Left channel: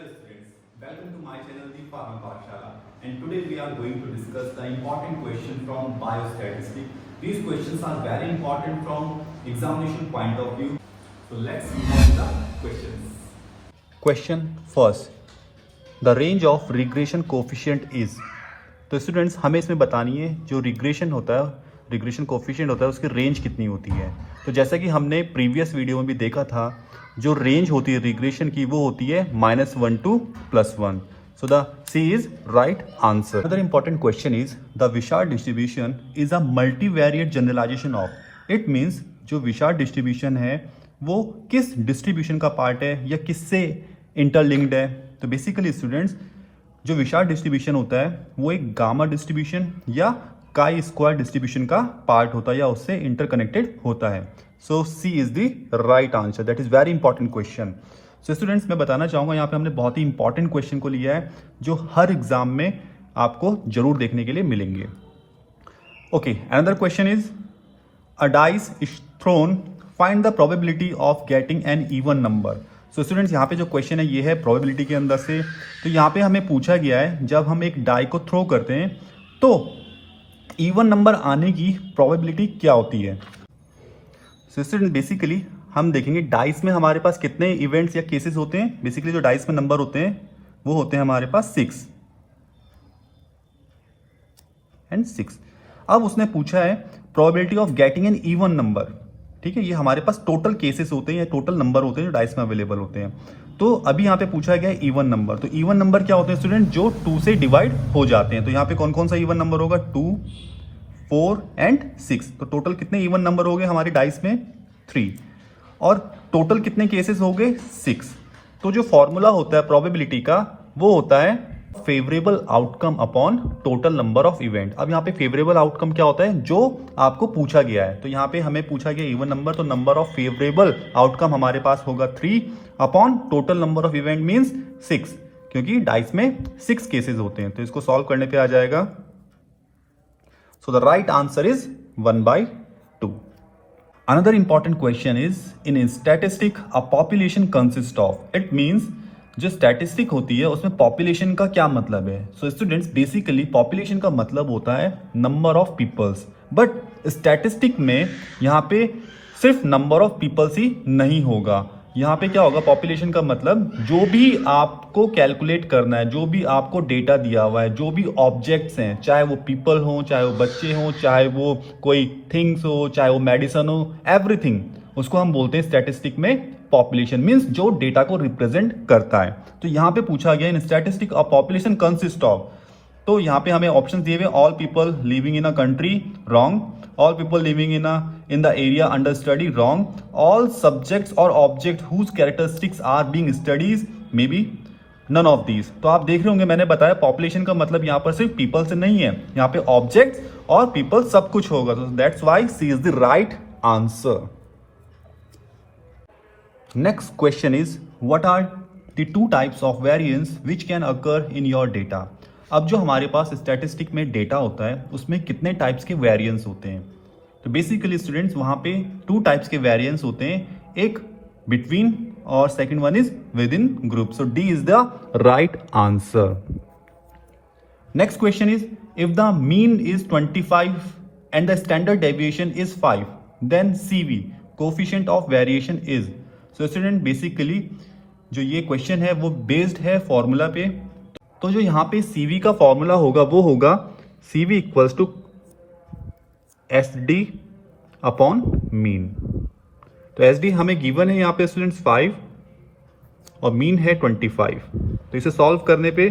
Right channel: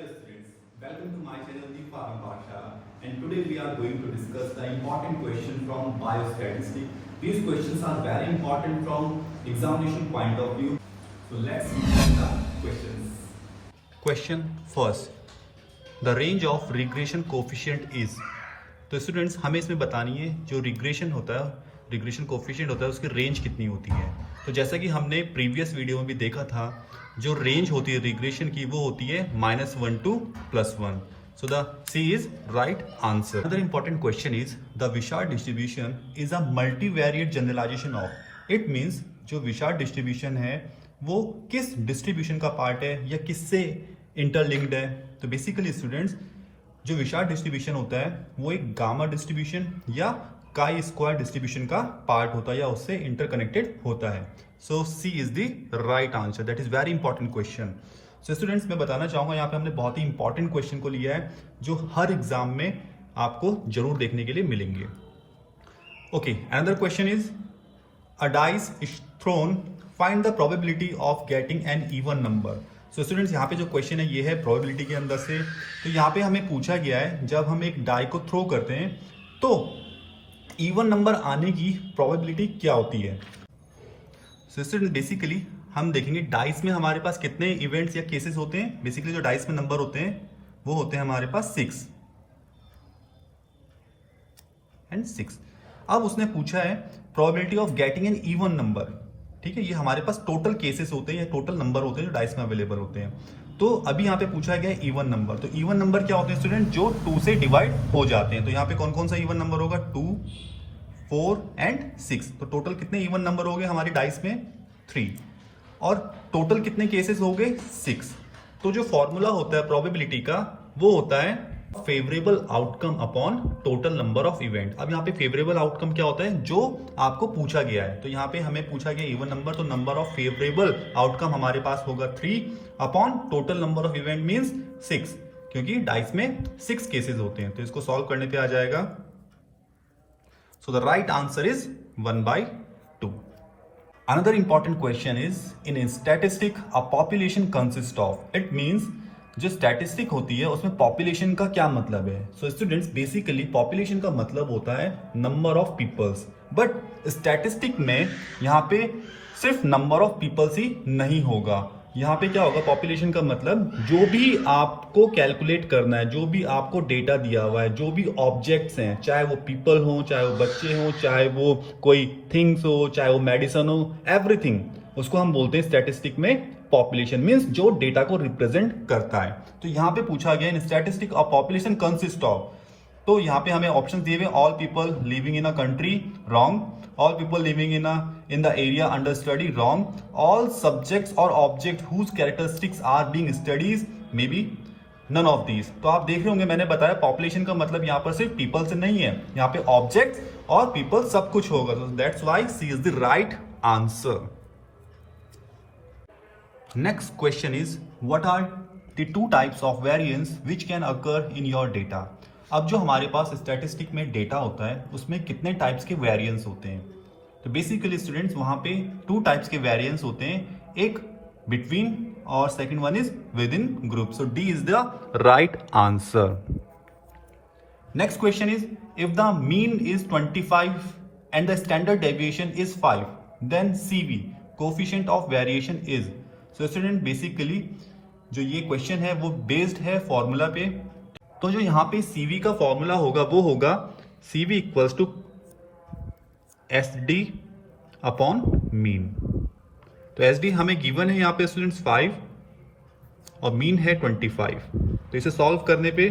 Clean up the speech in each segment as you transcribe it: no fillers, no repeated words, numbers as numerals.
Hello students, welcome to my channel The Farming Pathshala, and today we are going to discuss the important question from biostatistics. These questions are very important from examination point of view. So let's see the questions. Question first, the range of regression coefficient is. तो students हमें इसमें बतानी है जो regression होता है, regression coefficient होता है, उसकी रेंज कितनी होती है। तो जैसा कि हमने प्रीवियस वीडियो में भी देखा था, जो रेंज होती है रिग्रेशन की वो होती है -1 to +1. So the C is right answer. Another important question is the Wishart distribution is a multivariate generalization of. It means जो विशार्ड डिस्ट्रीब्यूशन है वो किस डिस्ट्रीब्यूशन का पार्ट है या किससे इंटरलिंक्ड है। तो बेसिकली स्टूडेंट्स जो विशार्ड डिस्ट्रीब्यूशन होता है वो एक गामा डिस्ट्रीब्यूशन या काई स्क्वायर डिस्ट्रीब्यूशन का पार्ट होता है या उससे इंटरकनेक्टेड होता है। So C is the right answer. That is very important question. So students मैं बताना चाहूंगा यहाँ पे हमने बहुत ही इंपॉर्टेंट क्वेश्चन को लिया है जो हर एग्जाम में आपको जरूर देखने के लिए मिलेंगे। Okay, another question is a dice is throne, find the probability of getting an even number. So students यहाँ पे जो क्वेश्चन है ये है प्रोबेबिलिटी के अंदर से। तो यहाँ पे हमें पूछा गया है जब हम एक डाई को थ्रो करते हैं तो इवन नंबर आने की प्रोबेबिलिटी क्या होती है। सो स्टूडेंट बेसिकली हम देखेंगे डाइस में हमारे पास कितने इवेंट्स या केसेस होते हैं। बेसिकली जो डाइस में नंबर होते हैं वो होते हैं हमारे पास 6 and 6। अब उसने पूछा है probability of getting an even number. ठीक है, ये हमारे पास टोटल केसेस होते हैं या टोटल नंबर होते हैं जो डाइस में अवेलेबल होते हैं। तो अभी यहाँ पे पूछा गया है इवन नंबर। तो इवन नंबर क्या होते हैं स्टूडेंट, जो 2 से डिवाइड हो जाते हैं। तो यहाँ पे कौन कौन सा इवन नंबर होगा, 2, 4 and 6। तो टोटल कितने इवन नंबर हो गए हमारे डाइस में, 3। और टोटल कितने केसेस हो गए, 6। तो जो फॉर्मूला होता है प्रोबेबिलिटी का वो होता है favourable outcome upon total number of event. अब यहाँ पे फेवरेबल आउटकम क्या होता है, जो आपको पूछा गया है। तो यहाँ पे हमें पूछा गया इवन नंबर, तो नंबर ऑफ फेवरेबल आउटकम हमारे पास होगा 3 upon total number of event means 6, क्योंकि डाइस में 6 केसेस होते हैं। तो इसको सॉल्व करने पे आ जाएगा। So the right answer is 1/2। Another important question is in a statistic a population consists of. It means जो स्टैटिस्टिक होती है उसमें पॉपुलेशन का क्या मतलब है। सो स्टूडेंट्स बेसिकली पॉपुलेशन का मतलब होता है number of peoples, but statistic में यहाँ पे सिर्फ नंबर ऑफ पीपल्स ही नहीं होगा। यहाँ पे क्या होगा, पॉपुलेशन का मतलब जो भी आपको कैलकुलेट करना है, जो भी आपको डेटा दिया हुआ है, जो भी ऑब्जेक्ट्स हैं, चाहे वो पीपल हो, चाहे वो बच्चे हो, चाहे वो कोई थिंग्स हो, चाहे वो मेडिसिन हो, एवरीथिंग, उसको हम बोलते हैं स्टैटिस्टिक में पॉपुलेशन मींस जो डेटा को रिप्रेजेंट करता है। तो यहाँ पे पूछा गया in statistic a population consist of. तो यहाँ पे हमें ऑप्शन दिए हुए, all people living in a country, wrong. All people living in the area under study, wrong. All subjects और object whose characteristics are being studies, may be none of these. तो आप देख रहे होंगे मैंने बताया पॉपुलेशन का मतलब यहाँ पर सिर्फ पीपल से नहीं है, यहाँ पे ऑब्जेक्ट्स और पीपल सब कुछ होगा। तो that's why C is the right answer. Next question is what are the 2 types of variance which can occur in your data। अब जो हमारे पास स्टैटिस्टिक में डेटा होता है उसमें कितने टाइप्स के वेरिएंस होते हैं। तो बेसिकली स्टूडेंट्स वहां पे 2 टाइप्स के वेरिएंस होते हैं, एक बिटवीन और second one is within group. So D is the right answer. Next question is if the mean is 25 and the standard deviation is 5 then CV coefficient of variation is. So student basically जो ये question है वो based है formula पे। तो जो यहाँ पे CV का फॉर्मूला होगा वो होगा CV equals to SD upon mean. तो SD हमें गिवन है यहाँ पे स्टूडेंट्स 5 और मीन है 25। तो इसे सॉल्व करने पे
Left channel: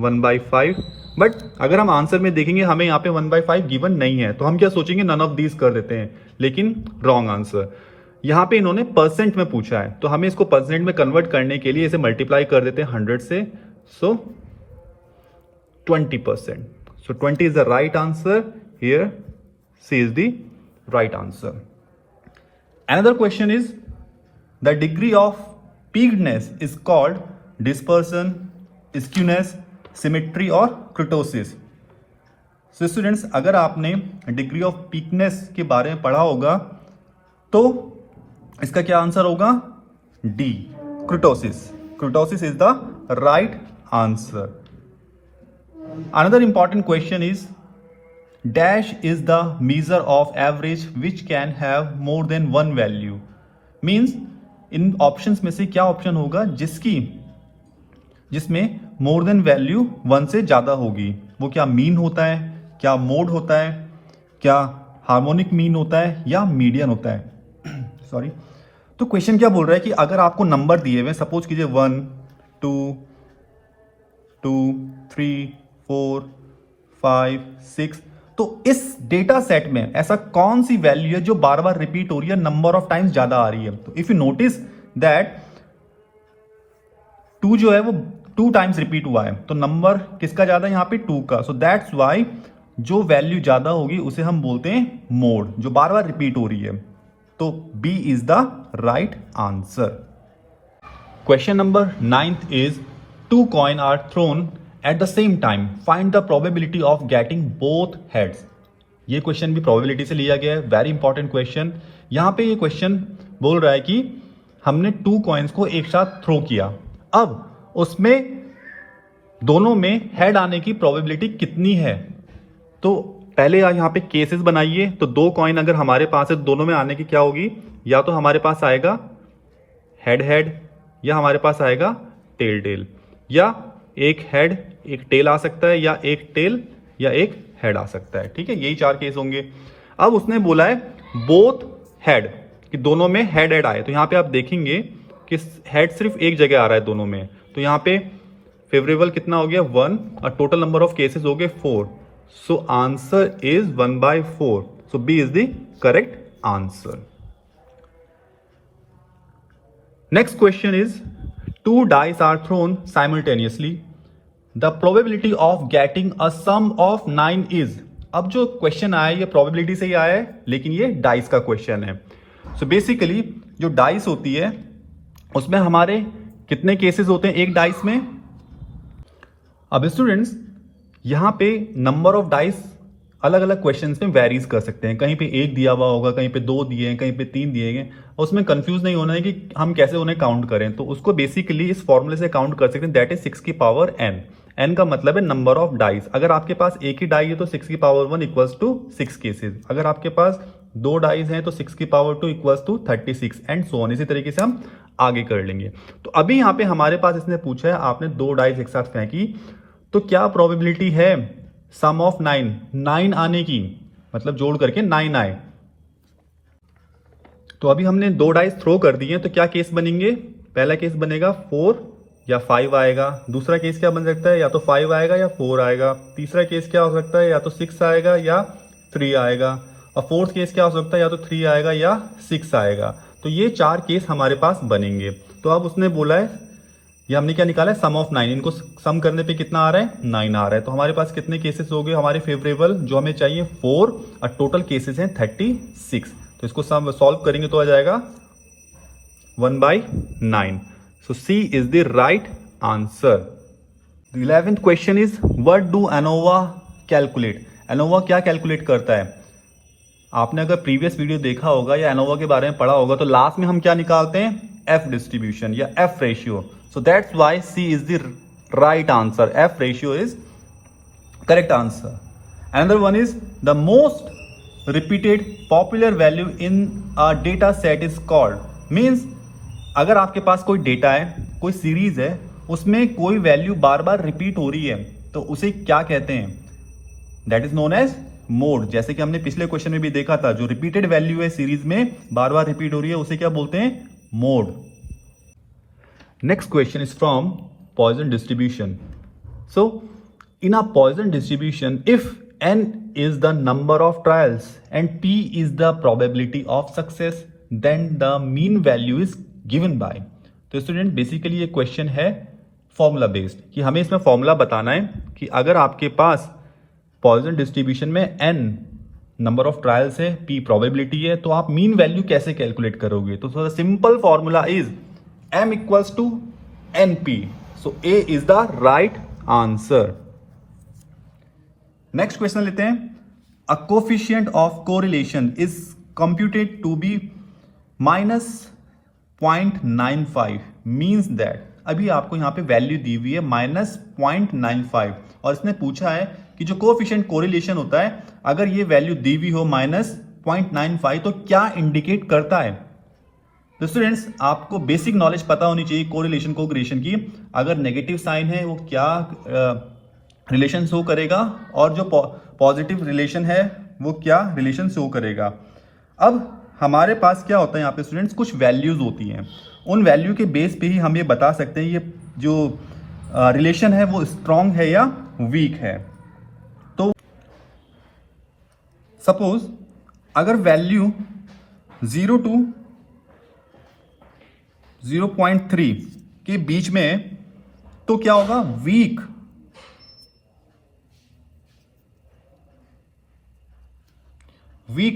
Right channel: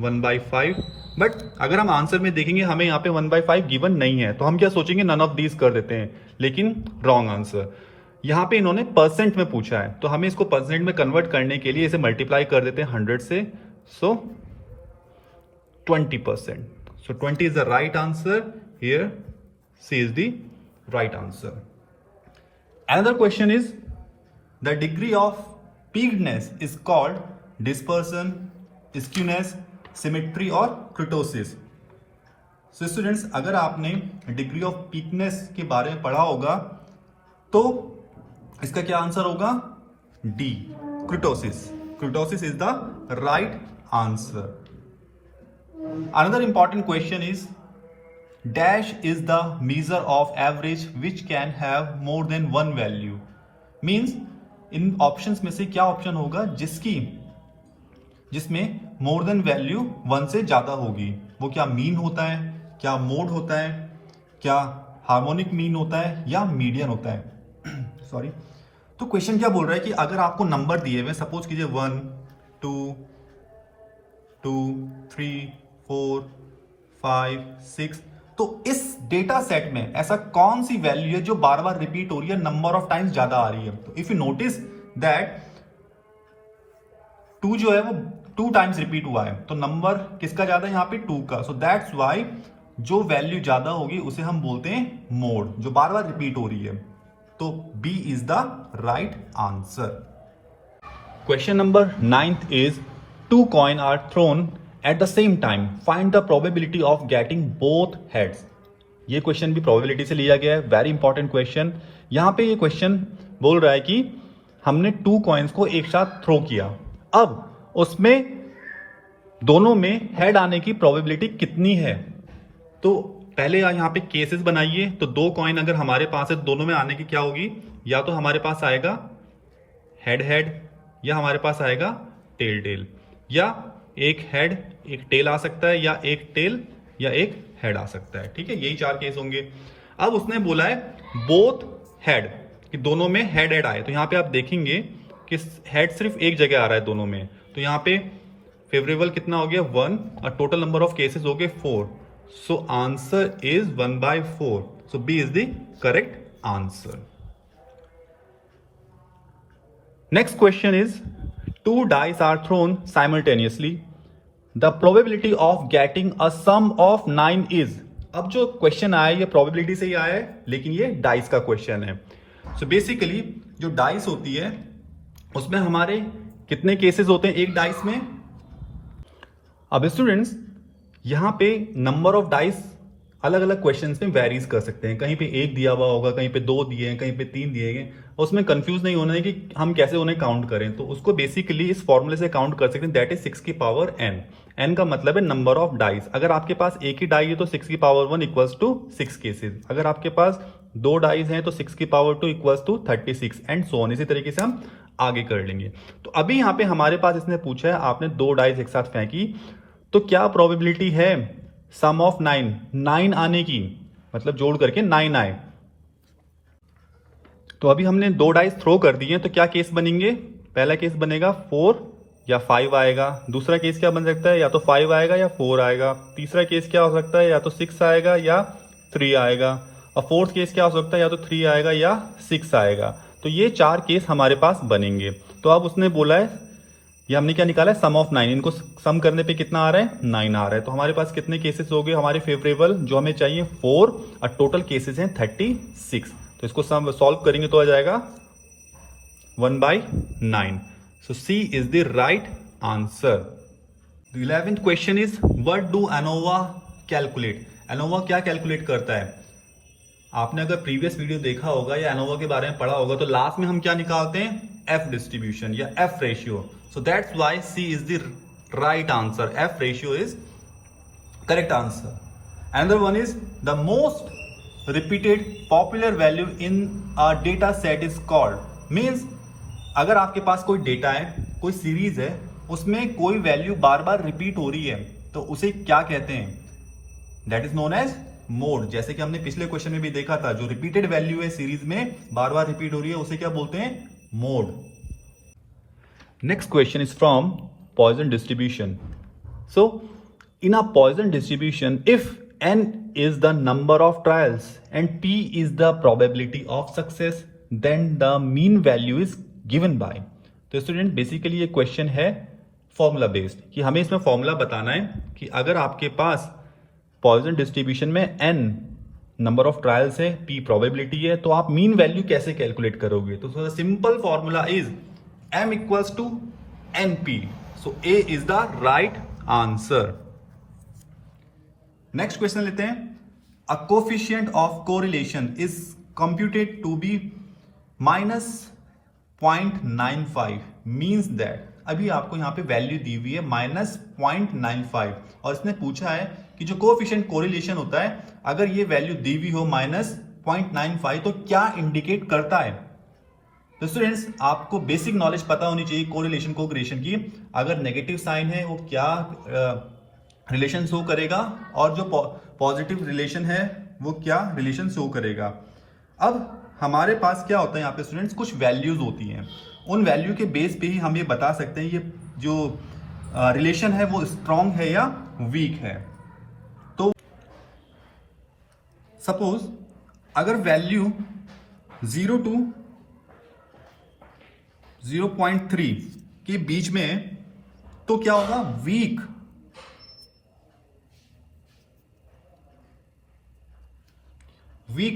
1/5। बट अगर हम आंसर में देखेंगे हमें यहाँ पे 1/5 गिवन नहीं है, तो हम क्या सोचेंगे, नन ऑफ दीज कर देते हैं, लेकिन रॉन्ग आंसर। यहाँ पे इन्होंने परसेंट में पूछा है, तो हमें इसको परसेंट में कन्वर्ट करने के लिए इसे मल्टीप्लाई कर देते हैं 100 से। So 20%। So 20 is the right answer here. C is the right answer. Another question is the degree of peakedness is called dispersion, skewness, symmetry और क्रिटोसिस। सो स्टूडेंट्स अगर आपने डिग्री ऑफ पीकनेस के बारे में पढ़ा होगा तो इसका क्या आंसर होगा, D, क्रिटोसिस। Kurtosis is the right answer. Another important question is dash is the measure of average which can have more than one value. Means in options में से क्या ऑप्शन होगा जिसमें मोर देन वैल्यू 1 से ज्यादा होगी? वो क्या मीन होता है, क्या मोड होता है, क्या हार्मोनिक मीन होता है, या मीडियन होता है? सॉरी। तो क्वेश्चन क्या बोल रहा है कि अगर आपको नंबर दिए हुए, सपोज कीजिए 1 2 2 3 4 5 6, तो इस डेटा सेट में ऐसा कौन सी वैल्यू है जो बार बार रिपीट हो रही है, नंबर ऑफ टाइम्स ज्यादा आ रही है? तो इफ यू नोटिस दैट 2 जो है वो 2 टाइम्स रिपीट हुआ है, तो नंबर किसका ज्यादा है? यहां पे 2 का। सो दैट्स वाई जो वैल्यू ज्यादा होगी उसे हम बोलते हैं मोड, जो बार बार रिपीट हो रही है। तो B is the right answer. Question number 9th is 2 coins are thrown at the same time. Find the probability of getting both heads. ये क्वेश्चन भी प्रोबेबिलिटी से लिया गया है, वेरी इंपॉर्टेंट क्वेश्चन। यहां पे ये क्वेश्चन बोल रहा है कि हमने 2 कॉइन्स को एक साथ थ्रो किया, अब उसमें दोनों में हेड आने की प्रोबेबिलिटी कितनी है? तो पहले यहां पे केसेस बनाइए। तो 2 कॉइन अगर हमारे पास है, दोनों में आने की क्या होगी? या तो हमारे पास आएगा हेड हेड, या हमारे पास आएगा टेल टेल, या एक हेड एक टेल आ सकता है, या एक टेल या एक हेड आ सकता है। ठीक है, यही 4 केस होंगे। अब उसने बोला है बोथ हेड, कि दोनों में हेड हेड आए। तो यहां पे आप देखेंगे कि हेड सिर्फ एक जगह आ रहा है दोनों में। तो यहां पे फेवरेबल कितना हो गया? 1, और टोटल नंबर ऑफ केसेस हो गए 4। So answer is 1/4। So B is the correct answer. Next question is 2 dice are thrown simultaneously. The probability of getting a sum of 9 is. अब जो क्वेश्चन आया ये प्रोबेबिलिटी से ही आया है, लेकिन ये डाइस का क्वेश्चन है। सो बेसिकली जो डाइस होती है उसमें हमारे कितने केसेस होते हैं एक डाइस में? अब स्टूडेंट्स यहां पे नंबर ऑफ डाइस अलग अलग क्वेश्चंस में वेरीज कर सकते हैं। कहीं पे 1 दिया हुआ होगा, कहीं पे 2 दिए हैं, कहीं पे 3 दिए गए। उसमें कंफ्यूज नहीं होना है कि हम कैसे उन्हें काउंट करें। तो उसको बेसिकली इस फॉर्मूले से काउंट कर सकते हैं, दैट इज 6 की पावर n। n का मतलब है नंबर ऑफ डाइस। अगर आपके पास एक ही डाई है तो 6 की पावर 1 इक्वल्स टू 6 केसेस। अगर आपके पास 2 डाइस हैं तो 6 की power 2 equals to 36 and so on. इसी तरीके से हम आगे कर लेंगे। तो अभी यहाँ पे हमारे पास इसने पूछा है, आपने 2 डाइस एक साथ फेंकी, तो क्या प्रोबेबिलिटी है सम ऑफ 9 आने की, मतलब जोड़ करके 9 आए? तो अभी हमने 2 डाइस थ्रो कर दिए, तो क्या केस बनेंगे? पहला केस बनेगा 4 या 5 आएगा। दूसरा केस क्या बन सकता है? या तो 5 आएगा या 4 आएगा। तीसरा केस क्या हो सकता है? या तो 6 आएगा या 3 आएगा। और फोर्थ केस क्या हो सकता है? या तो 3 आएगा या 6 आएगा। तो ये 4 केस हमारे पास बनेंगे। तो अब उसने बोला है, ये हमने क्या निकाला है? सम ऑफ 9। इनको सम करने पे कितना आ रहा है? 9 आ रहा है। तो हमारे पास कितने केसेस हो गए हमारे फेवरेबल? जो हमें चाहिए 4, और टोटल केसेस हैं 36। तो इसको सम सॉल्व करेंगे तो आ जाएगा 1/9। So C is the right answer. 11th question is what do ANOVA calculate? ANOVA क्या कैलकुलेट करता है? आपने अगर प्रीवियस वीडियो देखा होगा या एनोवा के बारे में पढ़ा होगा, तो लास्ट में हम क्या निकालते हैं? एफ डिस्ट्रीब्यूशन या F ratio. So that's why C is the right answer. F ratio is correct answer. Another one is the most repeated popular value in a data set is called. Means अगर आपके पास कोई data है, कोई series है, उसमें कोई value बार बार repeat हो रही है, तो उसे क्या कहते हैं? That is known as mode. जैसे कि हमने पिछले क्वेश्चन में भी देखा था, जो रिपीटेड वैल्यू है सीरीज में बार बार रिपीट हो रही है, उसे क्या बोलते हैं? Mode. Next question is from Poisson distribution. So, in a Poisson distribution, if n is the number of trials and p is the probability of success, then the mean value is given by. तो student basically ये question है formula based, कि हमें इसमें formula बताना है कि अगर आपके पास पॉइजन डिस्ट्रीब्यूशन में n नंबर ऑफ ट्रायल्स है, p प्रोबेबिलिटी है, तो आप मीन वैल्यू कैसे कैलकुलेट करोगे? तो simple formula is m equals to np. So A is the right answer. Next question लेते हैं. A coefficient of correlation is computed to be -0.95 means that. अभी आपको यहाँ पे वैल्यू दी हुई है -0.95 और इसने पूछा है कि जो कोएफिशिएंट कोरिलेशन होता है अगर ये वैल्यू दी हुई हो -0.95 तो क्या इंडिकेट करता है। तो स्टूडेंट्स आपको बेसिक नॉलेज पता होनी चाहिए कोरिलेशन कोरिलेशन की। अगर नेगेटिव साइन है वो क्या रिलेशन शो करेगा और जो पॉजिटिव रिलेशन है वो क्या रिलेशन शो करेगा। अब हमारे पास क्या होता है यहाँ पे स्टूडेंट्स, कुछ वैल्यूज होती हैं, उन वैल्यू के बेस पे ही हम ये बता सकते हैं ये जो रिलेशन है वो स्ट्रांग है या वीक है। तो सपोज अगर वैल्यू 0 to 0.3 के बीच में है तो क्या होगा, वीक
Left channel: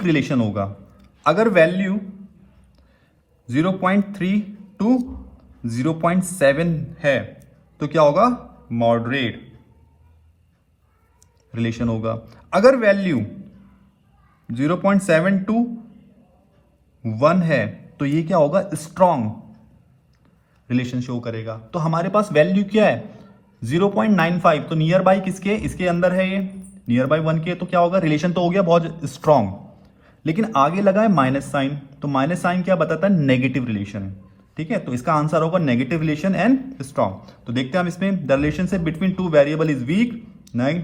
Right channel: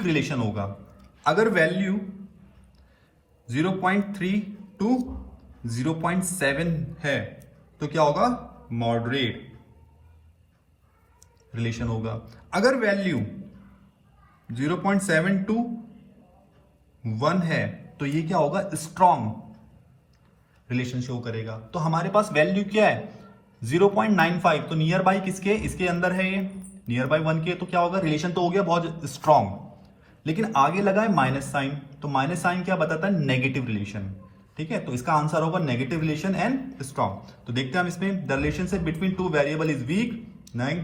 रिलेशन होगा। अगर वैल्यू 0.3 to 0.7 है तो क्या होगा, मॉडरेट रिलेशन होगा। अगर वैल्यू 0.7 to 1 है तो ये क्या होगा, स्ट्रॉन्ग रिलेशन शो करेगा। तो हमारे पास वैल्यू क्या है 0.95, तो नियर बाय किसके, इसके अंदर है, ये नियर बाय 1 के, तो क्या होगा, रिलेशन तो हो गया बहुत स्ट्रॉन्ग। लेकिन आगे लगा है माइनस साइन, तो माइनस साइन क्या बताता है, नेगेटिव रिलेशन। ठीक है, तो इसका आंसर होगा नेगेटिव रिलेशन एंड स्ट्रॉन्ग। तो देखते हैं हम इसमें, the relationship between two variable is weak, नहीं,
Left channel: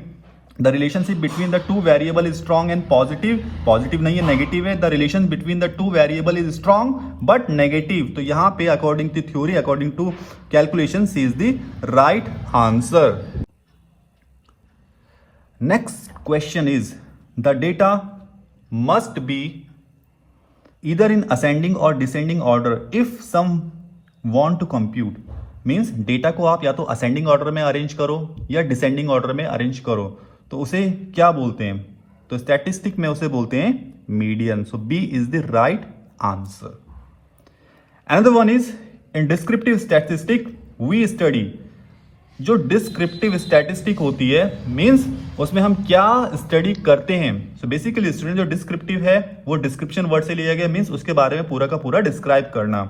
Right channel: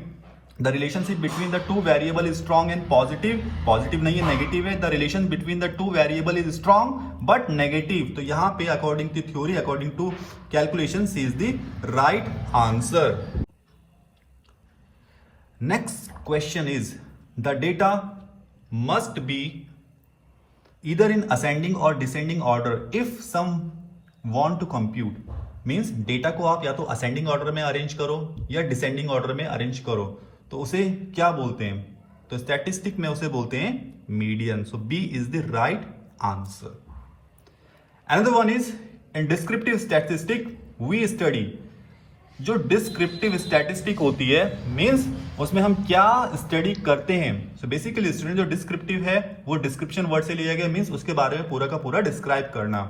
the relationship between the two variable is strong and positive, positive नहीं है नेगेटिव है। The relation between the two variable is strong but negative, तो यहां पे according to theory, according to calculation, C is the right answer. Next question is, the data must be either in ascending or descending order if some want to compute, means data को आप या तो ascending order में arrange करो या descending order में arrange करो, तो उसे क्या बोलते हैं, तो स्टैटिस्टिक में उसे बोलते हैं median. So B is the right answer. Another one is, in descriptive statistic we study, जो डिस्क्रिप्टिव स्टैटिस्टिक होती है मींस उसमें हम क्या स्टडी करते हैं। सो बेसिकली स्टूडेंट जो डिस्क्रिप्टिव है वो डिस्क्रिप्शन वर्ड से लिया गया, मींस उसके बारे में पूरा का पूरा डिस्क्राइब करना।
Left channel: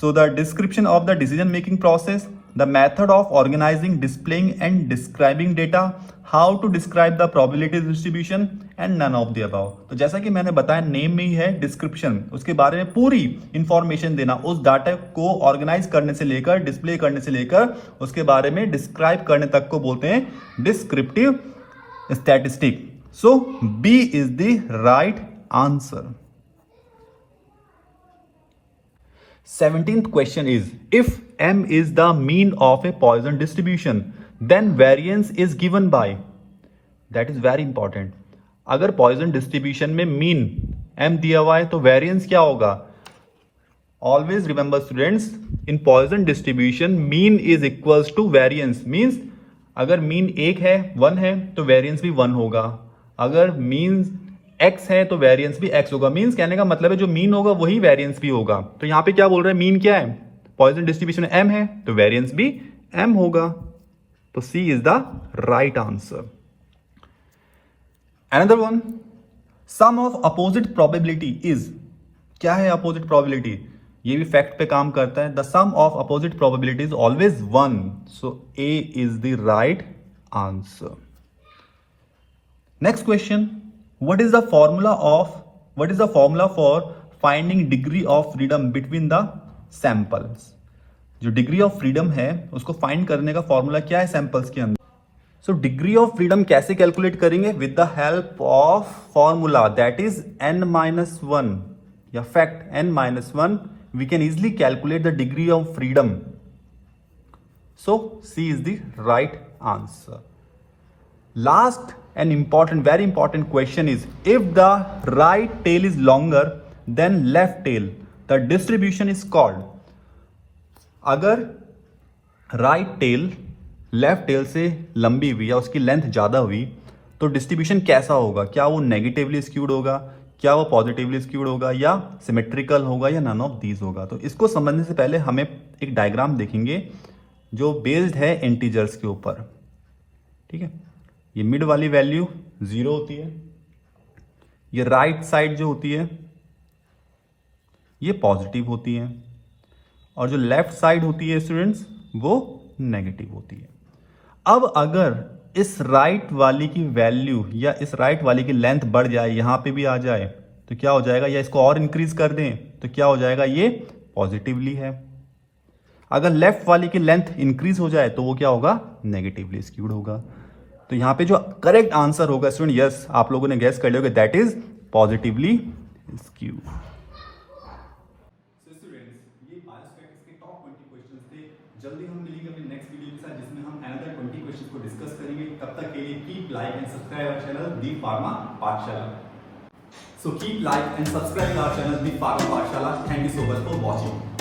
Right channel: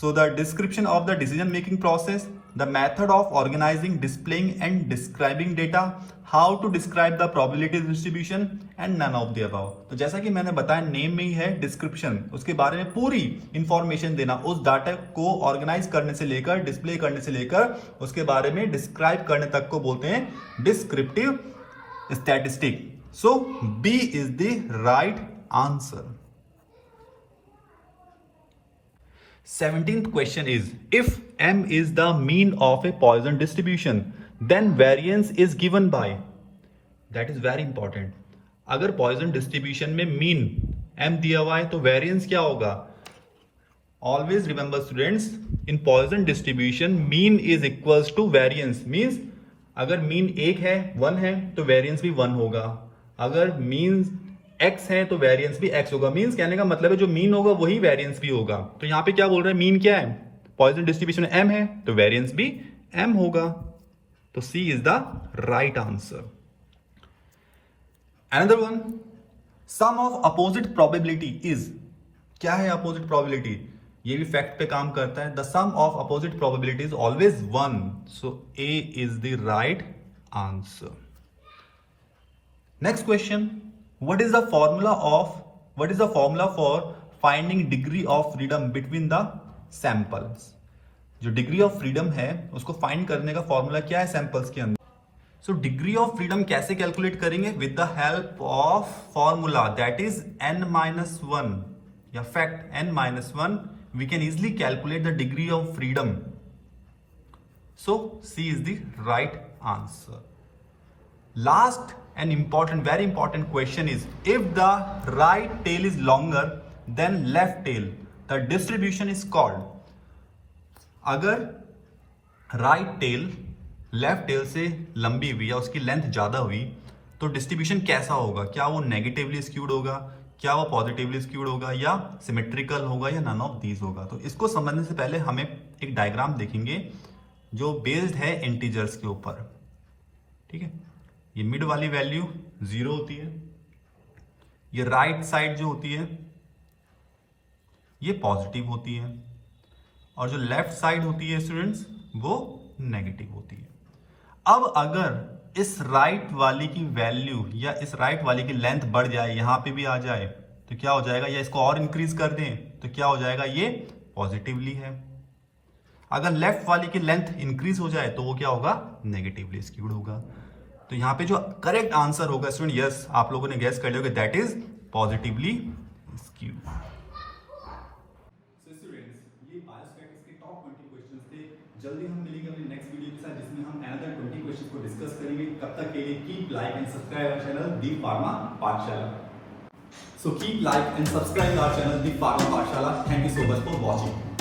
So the description of the decision making process, the method of organising, displaying and describing data, how to describe the probability distribution and none of the above. तो जैसा कि मैंने बताया नेम में ही है डिस्क्रिप्शन, उसके बारे में पूरी इंफॉर्मेशन देना, उस डाटा को ऑर्गेनाइज करने से लेकर, डिस्प्ले करने से लेकर, उसके बारे में डिस्क्राइब करने तक को बोलते हैं descriptive statistic. So B is the right answer. 17th question is, if m is the mean of a Poisson distribution then variance is given by, that is very important। अगर Poisson distribution में mean m दिया हुआ है तो variance क्या होगा, always remember students, in Poisson distribution mean is equals to variance, means अगर mean 1 है 1 है तो variance भी 1 होगा, अगर mean x है तो वेरिएंस भी x होगा। मींस कहने का मतलब है जो मीन होगा वही वेरिएंस भी होगा। तो यहां पे क्या बोल रहे हैं, मीन क्या है, पॉइसन डिस्ट्रीब्यूशन m है तो वेरिएंस भी m होगा। तो C is the right answer. Another one, sum of opposite probability is, क्या है अपोजिट प्रोबेबिलिटी, ये भी फैक्ट पे काम करता है। The sum of opposite probability is always 1, so A is the right answer. Next question, what is the formula for finding degree of freedom between the samples। जो degree of freedom है उसको find करने का formula क्या है samples के अंदर। So degree of freedom कैसे कैलकुलेट करेंगे, with the help of formula that is n-1 या fact n-1, we can easily calculate the degree of freedom. So C is the right answer. Last and important, very important question is, if the right tail is longer than left tail, the distribution is called। अगर right tail left tail से लंबी हुई या उसकी length ज्यादा हुई तो distribution कैसा होगा, क्या वो नेगेटिवली स्क्यूड होगा, क्या वो पॉजिटिवली स्क्यूड होगा, या सिमेट्रिकल होगा, या नन ऑफ दीज होगा। तो इसको समझने से पहले हमें एक डायग्राम देखेंगे जो बेस्ड है इंटीजर्स के ऊपर। ठीक है, ये मिड वाली वैल्यू 0 होती है, ये राइट साइड जो होती है ये पॉजिटिव होती है, और जो लेफ्ट साइड होती है स्टूडेंट्स वो नेगेटिव होती है। अब अगर इस राइट वाली की वैल्यू या इस राइट वाली की लेंथ बढ़ जाए, यहां पे भी आ जाए, तो क्या हो जाएगा, या इसको और इंक्रीज कर दें तो क्या हो जाएगा, ये पॉजिटिवली है। अगर लेफ्ट वाली की लेंथ इंक्रीज हो जाए तो वो क्या होगा, नेगेटिवली स्क्यूड होगा। तो यहां पे जो करेक्ट आंसर होगा स्टूडेंट, यस आप लोगों ने गैस कर लिया, दैट इज पॉजिटिवली स्क्यूड। ये बायोस्टैटिक्स के टॉप 20 क्वेश्चंस थे। जल्दी हम मिलेंगे अपने नेक्स्ट वीडियो के साथ जिसमें हम अनदर 20 क्वेश्चंस को डिस्कस करेंगे। तब तक के लिए keep like and subscribe our channel the Pharma Pathshala. So keep like and subscribe our channel, The Pharma Pathshala. Thank you so much for watching.